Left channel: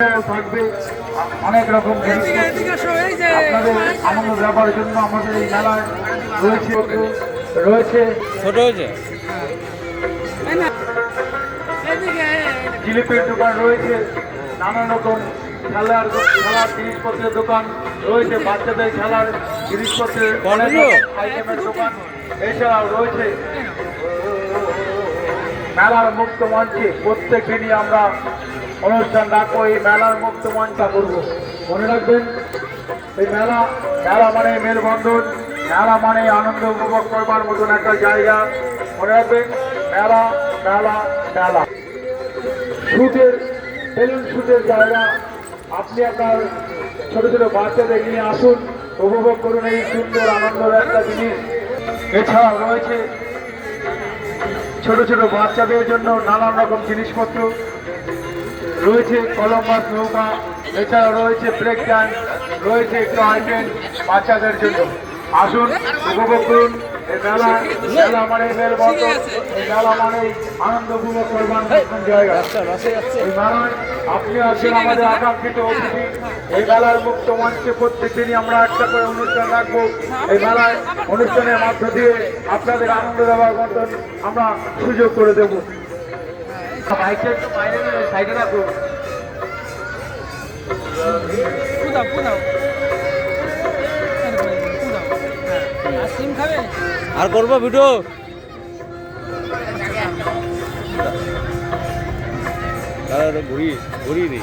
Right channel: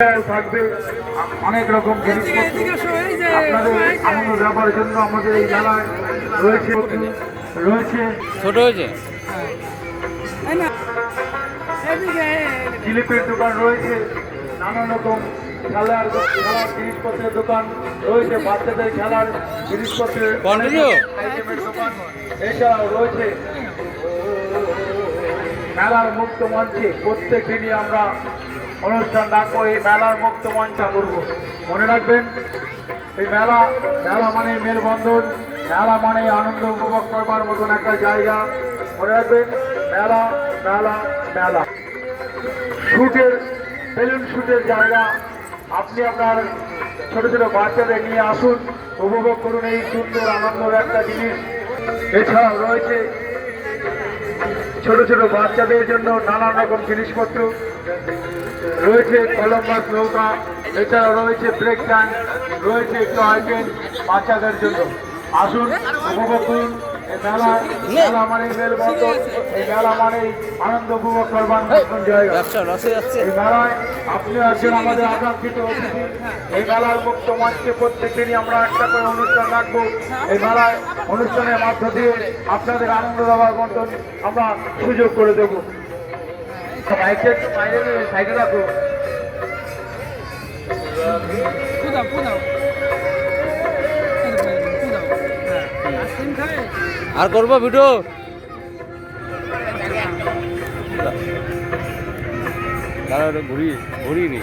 থাকবে অনেক রকম আপনাদের আনন্দ দেওয়ার জন্য আমাদের এই মেলায় রয়েছে ছোট হয়েছে জিলিপির দোকান রয়েছে, নানান রকম খেলার জিনিসপত্রের দোকান রয়েছে, বাচ্চাদের খেলার জিনিসপত্রের আইটেমের দোকান। এছাড়াও রয়েছে মেলার মুক্ত মঞ্চে প্রত্যেক দিনই আমরা অনুষ্ঠান রাখবো। এই মেলার মুক্ত মঞ্চটা করবো। মনে রাখবেন, এই মেলা মানে মেলবন্ধন, মেলা মানে আনন্দ উপভোগ করবার মতন একটা জায়গা। মনে রাখবেন, মেলা মেলা মেলা শুটের বেলুন শুটের জায়গা। আপনি আপনার ছোট ছোট বাচ্চাদের নিয়ে আসুন, উপভোগ করুন এই সুন্দর আনন্দের একটা জিনিস। এছাড়াও রয়েছে ছোট ছোট বাচ্চাদের জন্য নানান রকম জিনিসপত্র রয়েছে, কলম্বাস নৌকা, এছাড়া রয়েছে ব্রেক ডান্স, রয়েছে একটু আইটেম বাচ্চাদের জন্য। আসুন, উপভোগ করুন এই মেলা। মেলা মানে মেলবন্ধন, এই মেলা মানে আনন্দ উপভোগ করবার মতন জায়গা। এই মেলায় আপনি আছেন আমাদের আকাঙ্ক্ষিত অতিথি। এই মেলার মুক্ত মঞ্চে প্রত্যেকদিনই আমরা একটা করে অনুষ্ঠান রাখবো। এই মেলায় অনুষ্ঠানের মধ্য দিয়ে আপনাদের আনন্দ দেওয়ার মতন আমরা সুযোগ করে দেব। সাইডে রাখবো। আর করবো ভিডিও ঘুরি ঘুরিবি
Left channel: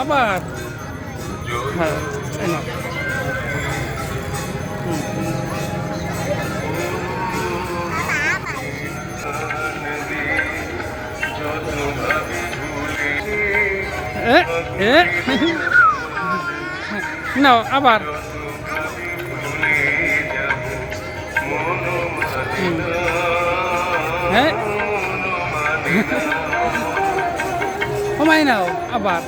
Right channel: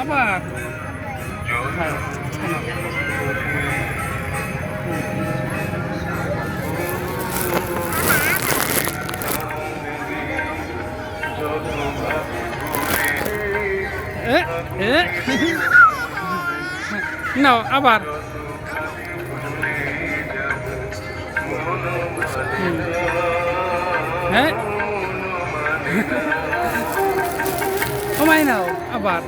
আবার না আবার হ্যাঁ কমাই নাও আবার